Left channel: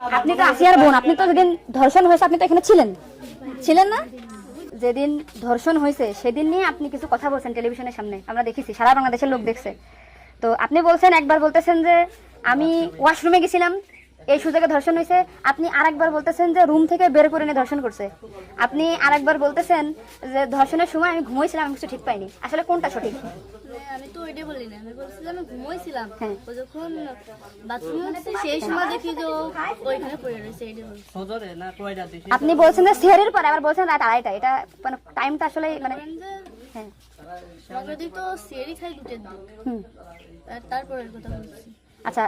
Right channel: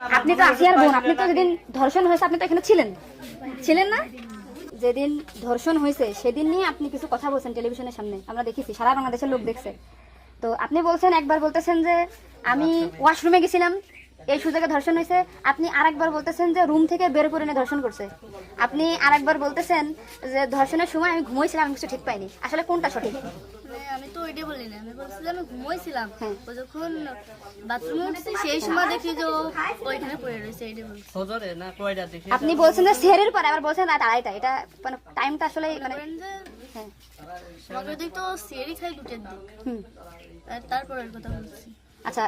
আপনি তো আসিয়ার বোন, আপনি তো যেদিন ধর্ষণ হয়েছে আপনি তো এখানে ছিলেন না? যেদিন ধর্ষণ হয়েছে সেদিন নিয়ে আপনি কিছু কথা বলছেন টেলিভিশনের সামনে, আমরা দেখেছি, সারা বাংলাদেশের লোক দেখছে। তো আপনি বলছেন, একবার বলতেছেন যে আমি ওয়াশরুমে গেছিলাম, এই সুযোগে ধর্ষণ হয়েছে। আপনি আরেকবার বলতেছেন যে রুম থেকে বের করে নিয়ে ধর্ষণ করছে। আপনি আরেকবার বলতেছেন যে ধর্ষণের সময় আমি ঘুমাইছিলাম, আমি কিছু ঠিক পাইনি। আসলে কোনটা সঠিক? আমি তো ওইটাই বলি না, আমি বলছি যে আমি ঘুমাইছিলাম, ও যখন বাথরুমে উঠছি সেই সময় দেখি যে ওইখানে পড়ে রয়েছে, এইটাই বলছি। আপনি বলছেন যে সেহরির পরে, আবার বলছেন রাত 2:30, এটা মানে টাইমটা আসলে মানে হ্যাঁ মগের দিক তো সিয়ারি খাই 2টের দিক, তারপরের কথা বলছি। আচ্ছা,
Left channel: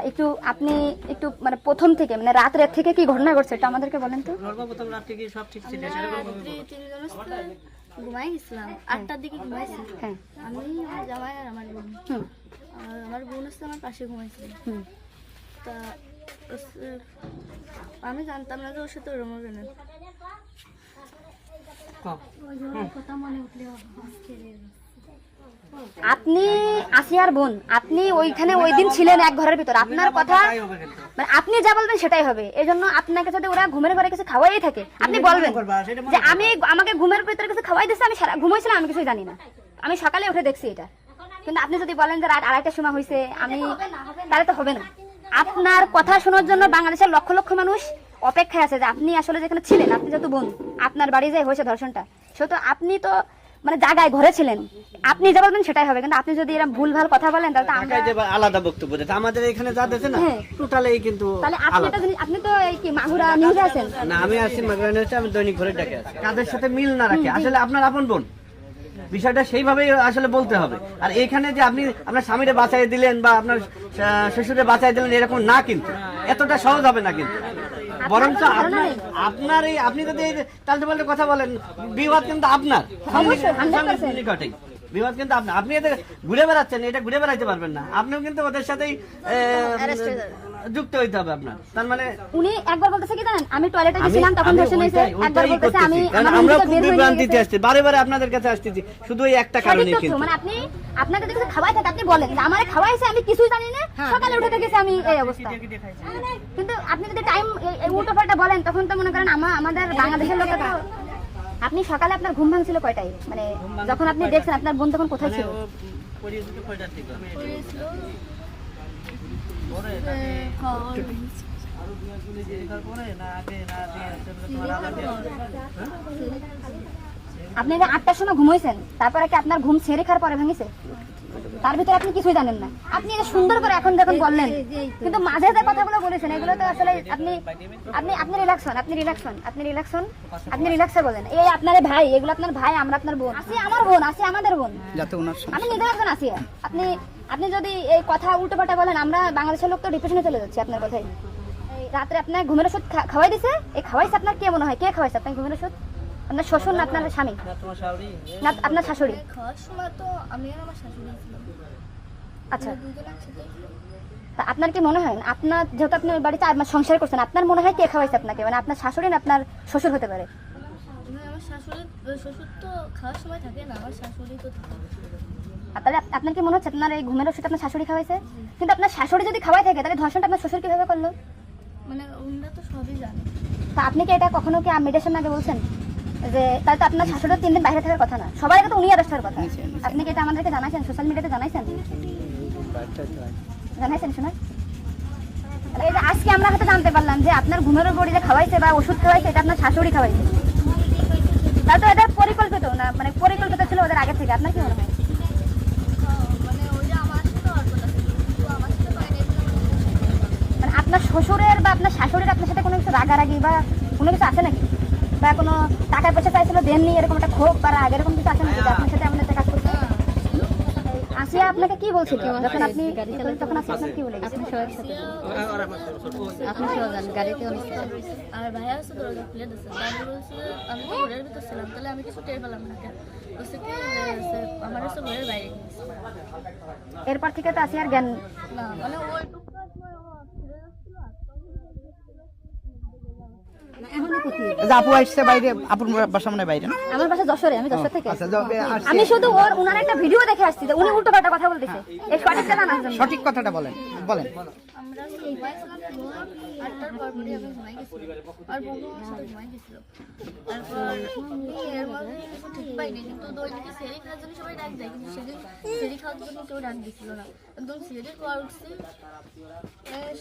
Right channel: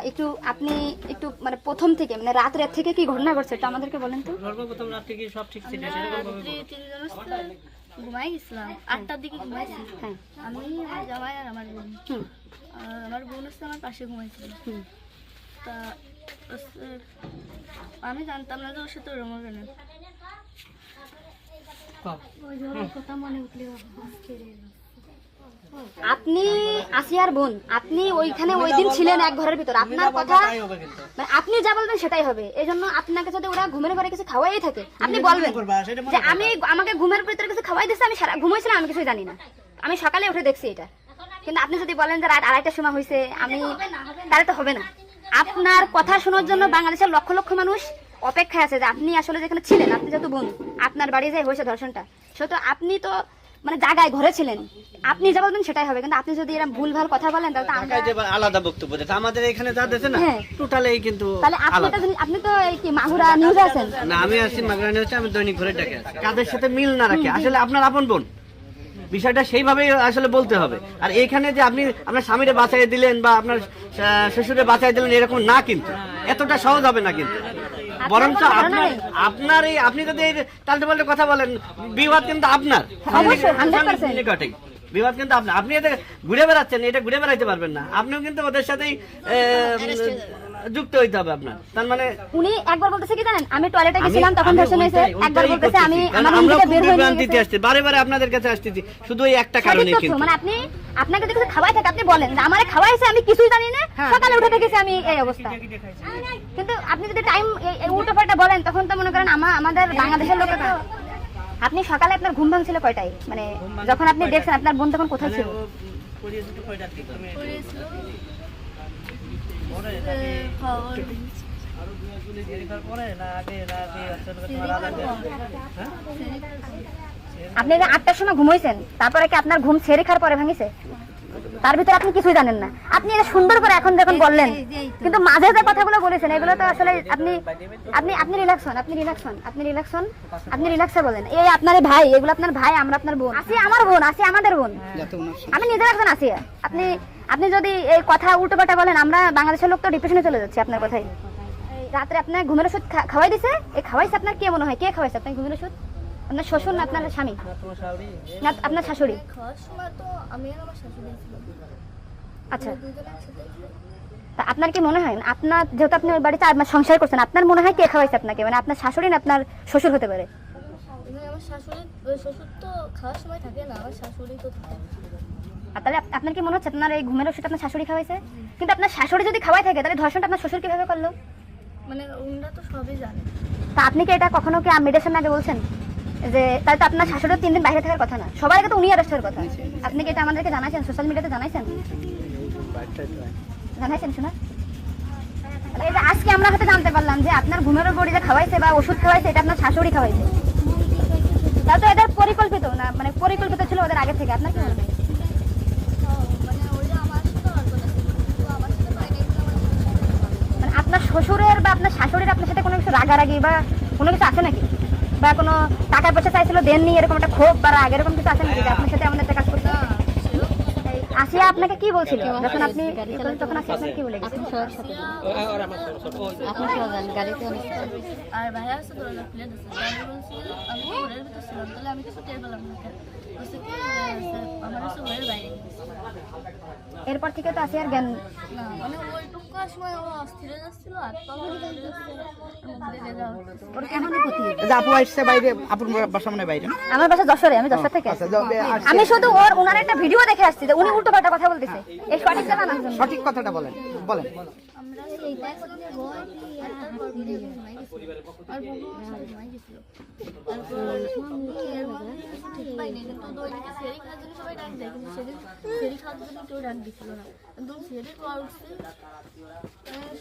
আপনি একটু মানে প্রথম থেকে মানে রাতের থেকে কি ঘটনা ঘটছে এটা আমাদেরকে বলেন তো। সর্বপ্রথম রাত থেকে সব ঠিক ছিল, রাত্রি 3 ঘুমাই গেছিলাম, 8টার দিকে ঘুমাইছি। হ্যাঁ, আমি, আমার জামাই আর আমার বোন, আর আমার বোন হচ্ছে আমার পাশে ঘুমাইছিল। তা আমি জানতাম না যে ওর সাথে ওরম হবে না। আপনি আসিয়ার বোন, আপনি ওইখানে ওই দিন ছিলেন এক ঘরের ভিতর, আপনার কথা মানে আপনি যা বলবেন সেটাই হবে। এই জন্য আপনাকে যদি ওরা ঘুমের ঘরে কিছু খাওয়াই থাকে, আপনি বলবেন যে আমাকে ঘুমের ভিতরে কিছু খাওয়াই দিচ্ছে, আমি ঘুমাইছিলাম, আমি কিছুই জানি না, আমি সকালে উঠে দেখছি এটা। কিন্তু আপনি যদি বলেন যে রাত 2:30টার সময় হয়েছে, আমি তাহলে তো হবে না। আপনার কথা শোনার জন্য বাংলাদেশের লক্ষ লক্ষ মানুষ অপেক্ষায় আছে যে আপনি আসলে যেখানে ছিলেন, আপনি যেহেতু বোন, আপনার বাড়ি যে হয়েছে ধর্ষণটা, সেহেতু আপনি তো মানে জায়গায় ঘরে ছিলেন, আপনি যা বলবেন সেটাই হবে। কিন্তু আপনি যদি এরকম ভুলভাল কথা বলেন তাহলে তো আমরা আলাদা বক্তব্য দিতে, আমাদের এখানে যা দেখছে না টোটালি কিন্তু আলাদা। আপনি তো এই কি মাগুরা নিউজে আছেন না, আমি আছি মাগুরা নিউজে, আমি দৈনিক ঘরে ডাকে আছি। কাদের সাথে মিল না রাখে আসলে আপনার আপন বোন, বিষয়টা সেইভাবেই আসলে বলতে হবে। আর এখানে যে আপনি আপনার স্বামীরে বাঁচাই দিলেন বা আপনার শ্বশুরে বাঁচাই দিলেন, এরকম না, কিন্তু এতটা সহজ হবে না। কিন্তু বরঞ্চ আপনার এই আপনি যদি এই তালতে পাল্টে কথা বলেন, বিবাদ কিন্তু আপনার নিকটেই, বিবাদ কিন্তু আপনার। আপনি এদের ঘুরে বেড়াচ্ছেন, এটা ঘুরে বেড়াইতে পারবেন না, আপনিও কিন্তু ওদের সাথেই যুক্ত হইতে হবে আপনার। তার মানে উনি একবার বলতেছে কি জানেন, আমি টয়লেটে গেছিলাম তখন ধর্ষণ হয়েছে, একবার বলতেছে আমি আমরা খুব বিভ্রান্তিতে আসছি, বারে বারে আপনাদের কাছে আসতেছি শুধু এই একটা কারণে। কিন্তু মানে আপনাকে যদি কিছু খাওয়াই থাকে আপনি বলেন যে আমারে খাওয়াইছে, আমি কিছুই জানি না, সকালে উঠে দেখেছি আমি এই অবস্থা। কিন্তু আপনি যদি টাইম উল্টো পাল্টা বলেন, তখন তো মনে করেন আমাদের বাংলাদেশের লোক। আপনি সকালে আপনার ঘুম ভাঙছিল কয়টায়, মানে যখন আপনি দেখছেন আপনার বোন তখন কোথায় ছিল? আপনি 8টার সময় ঘুমাইছেন, তারপরে কি আপনার ঘুম ছেড়ে খাওয়ার পরে ভাঙিছে? তার ভিতরে আপনি কিছুই জানেন না। আপনি এটা সুন্দর করে এখন যখন বললেন, কিন্তু মাঝে যে কথাগুলো বলেছেন এগুলো তো আসলে আপনি রিল্যাক্স হন, আপনি রিল্যাক্সে বলেন। এই আপনার ভাই, এগুলো আপনার ভাই, আমরা আপনার বোন, আসি আমার বোন, আসি আমাদের বোন, আমি নিজের একজন আসি। আপনি যদি এই কথা উল্টো পাল্টা বলেন, আমরা বাংলাদেশের লোক তো ডিপ্রেশনে চলে যাচ্ছি আপনার কথাই। রাত্রে আপনার ঘুমের ওষুধ খাওয়াই দিছে, এই খাওয়াইছে আপনার কে মনে হয়, কে খাওয়াইছে আপনার ঘুমের ওষুধ? আপনার শ্বশুর না আপনার স্বামী না আপনার শাশুড়ি? খাওয়ার সময় তো আমি আর আমার শাশুড়ি ছিলাম। আচ্ছা, দুজন একসাথে। তা আপনার কি মনে হয়, আপনার যেহেতু আপনার বাড়িতে আপনার সংসার করছেন, আপনার মনে হয় কে খাওয়াইছে আপনাকে? মানে আপনার শাশুড়ি না আপনার শ্বশুর হতে পারে? আমার শ্বশুর তো খাওয়ার সময় থাকে না, আমার শাশুড়ি তো থাকে। তাহলে আপনার কি মনে হচ্ছে আপনার এই ঘুমের ওষুধ আপনার শাশুড়ি খাওয়াইছে? কিন্তু আপনার শাশুড়ি যদি খাওয়াই থাকে, তাহলে ধর্ষণটা আপনার শ্বশুর কিভাবে করলো? মানে ওনারা তো সবই জানে। তা আপনি কি এটা কখনো কি মেয়েদের সামনে আগে বলছেন যে তাহলে তো আপনার শাশুড়ি 3 দিন বাইরে থাকার কথা না, সবার আগে তো উনি অ্যারেস্ট হওয়ার কথা? আপনি কি এটা আমাদেরকে জানাইছেন, সোশ্যাল মিডিয়াতে জানাইছেন শোনা? এই যে আজকে আমরা হয়তো জানতে পারলাম যে আপনার ঘুমের বড়ি যে খাওয়াইছে বা ওষুধ খাওয়াইছে, এটা আপনার শাশুড়ি খাওয়াইছে। তা তো এটা পরিকল্পিত না, মানে পরিকল্পিত ছিল ওদের আগে থেকে। আপনার কি মনে হয়? মানে ওই যে আমার সাথে আর কথা ছিল, কিন্তু আমার সাথে পাইনি বলে আমার মানে আপনার শ্বশুরের বা আপনার শাশুড়ির আপনার সাথে কোনো কিছু রাগারাগি বা কোনো কিছু আছে নাকি? বা কোনো টাকা পয়সা চাইছিল দেননি, এরকম একটা ক্ষোভ বা রাগ এরকম কিছু আছে নাকি আপনার সাথে এমন একটা কাজ করছে? আসিয়া আপনাকে কি বলছিল যখন আপনি তখন আসিয়া আপনাকে কি বলে গেছে? আর ভাইয়া আছে দরজা খুলে দিচ্ছে, আমি বলছি আমি তো ঘরের ভিতর ছিলাম, তাহলে আমি কিছু টের পেলাম না। কেন বলছে কি আমার হচ্ছে ঘরের বাইরে গেছে। এরপর থেকে তো আসিয়ার জ্ঞান না, মানে ওইটুকু সময় ও অস্থির হয়ে যাচ্ছিল, আর তখন আপু আসছে বাইরে, আপুর বাসা মনে বাইরে, আমার বাসা যশোরে, আমি যশোর থেকে। আমি শুধু ওনার একটা ভিডিও দেখে আসছি যে উনি উল্টো পাল্টা কথা বলতেছে, এই সঠিক কথা না, সঠিক কথাটা বলেন। আমরা ঘুমাইছিলাম 8টার করার পরপরই আমি ঘুমাই গেছিলাম, আর বন্ধু আমার সাথে ঘুমাই গেছিল। তারপর এর মাঝে কিছু ঠিক পাইনি, কিন্তু দৈনিক সেরি খাওয়ার জন্য সবাই ডাক দেয়, কিন্তু সেদিন সেরি খাওয়ার জন্য কেউ ডাক দিছিল না। একদম সেরির পর উঠছি,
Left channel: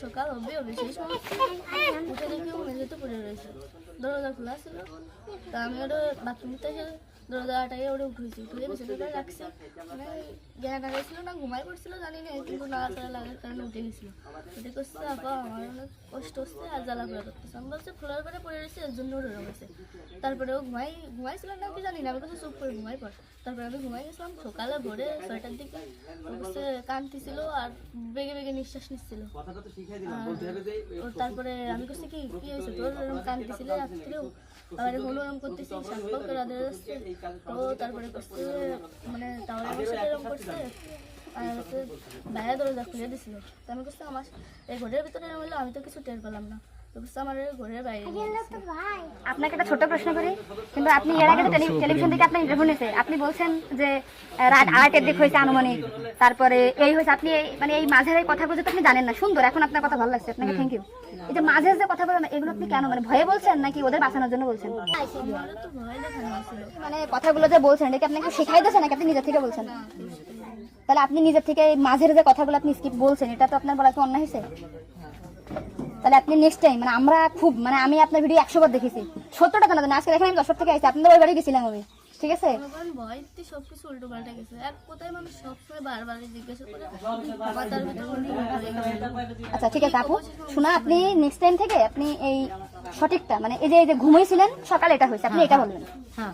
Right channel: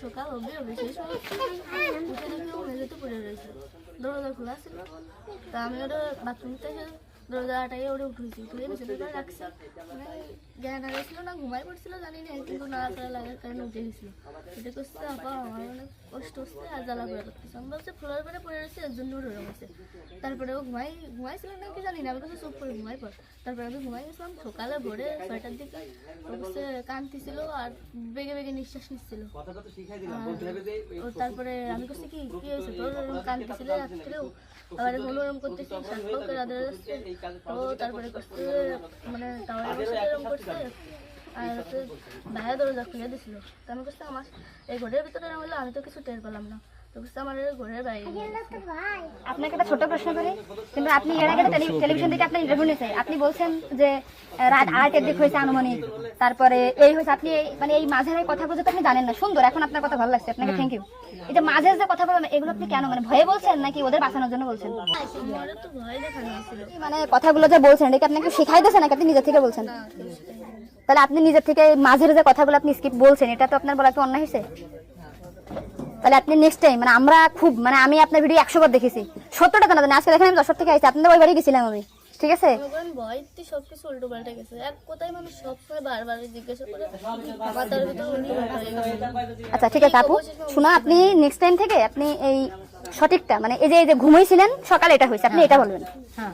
সকাল হবে সেই সময় উঠে দেখি ও মেঝেতে পড়ে রয়েছে, দরজা খোলা ছিল। তা আমি ওটা বাথরুম থেকে দরজা আটাইয়ে ওটা উঠেছি, উঠে বিছানাটা রাখছি, মানে জ্ঞান হারাইছিল না ঘুমাই পড়ছিল জানি না, কিন্তু নাড়াচাড়া লাগার কারণে উঠে গেছিল। উঠে করছে আপা আমার অনেক কষ্ট হচ্ছে আর জ্বালা পোড়া করতেছে। আমি বলছি ফ্লোর করে পড়ে রয়েছে এর জন্য ওরকম হয়েছে। তারপরে ও ঘুমাইছিল না কি জানি না, আমি কাছে চুপ করে ঘুমাই পড়। তারপরে আমি ঘুমাই গেছিলাম, সকালে ভোরে 6টার দিকে ও কাছে কাঁদতেছিল আর বেগে বেগে নিঃশ্বাস নিচ্ছিল। তারপরে আমি করছি কি হয়েছে তোর, এরকম কাঁদতেছিল রাত্রেও, আবার ওরকম করতেছি, শ্বাস পাও করে আদরে যাচ্ছে। তো তারপরে করছে মানে তাওয়ারে আমার সাথে এরকম করছে, আর হচ্ছে বাইরে দরজা খুলে দিছিল। তো আমি করছি আমার এই ঘরের ভিতরে হলো, আমি তো কিছু টের পেলাম না। তো করছে আমার ঘরের বাইরে নিয়ে গেছে। আপনাকে একটা ছোট প্রশ্ন করি, কিন্তু আপনি এর আগে তো টেলিভিশন থেকে আপনার ইন্টারভিউ নিয়েছে, আপনি বলছেন যে রাত 8-এর দিক হয়েছে আনুমানিক, তারপরে এই হয়েছে, আপনি মানে এই মাঝের এই কথাগুলো তো আপনি জানেন না। সুন্দর, এখন আপনার কথা ভালো লাগছে, আপনাকে থ্যাংক ইউ। এই যে মাঝের যে কথা বলেন এগুলো আপনি কেন, মানে ভয়ে বলছেন নাকি ওদের বাঁচানোর জন্য বলছেন? আমার তো ভয় দেখানো হয়েছিল। মানে কথাগুলো যে বলছেন এটা কি আপনাকে শেখাই দিয়েছেন নাকি আপনি নিজে থেকে বলছেন? তাহলে আপনি নিজের থেকে মাঝের যে কথাগুলো আপনি স্কিপ বলছেন, এটা তো আপনার বলা তো অন্যায় হয়েছে। তাহলে আপনি নেক্সট টাইম, মানে আমরা খুব, মানে আমি আপনার ভিডিও 100 বার দেখেছি, 70টা তো না, আজকে দেখেন আমি 10 থেকে আইছি, আপনাদের ওই বাড়ি গেছিলাম আমি, ঠিক আছে? ভয়তে সবকিছু উল্টো পাল্টে গেছে। এক কথায় মানুষ সবসময় বারবার জিজ্ঞাসা করে মাথার ভিতরে উল্টো পাল্টা হয়ে গেছে। আচ্ছা ঠিক আছে আপু, শোনা, আপনি নেক্সট টাইম থেকে আপনি এই সঠিকটা, মানে এই যে ঘুমাইছিলেন সকালে এটা হয়েছে, আপনি এটা বলবেন।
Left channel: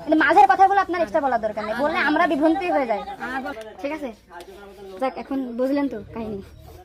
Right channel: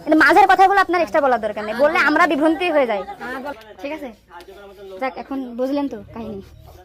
কিন্তু মাঝের কথাগুলো আপনার এক্সট্রা বলার দরকার নেই, বললে আমরা বিভ্রান্তি হয়ে যাই, ঠিক আছে? যাক, এখন বুঝলেন তো কাহিনী।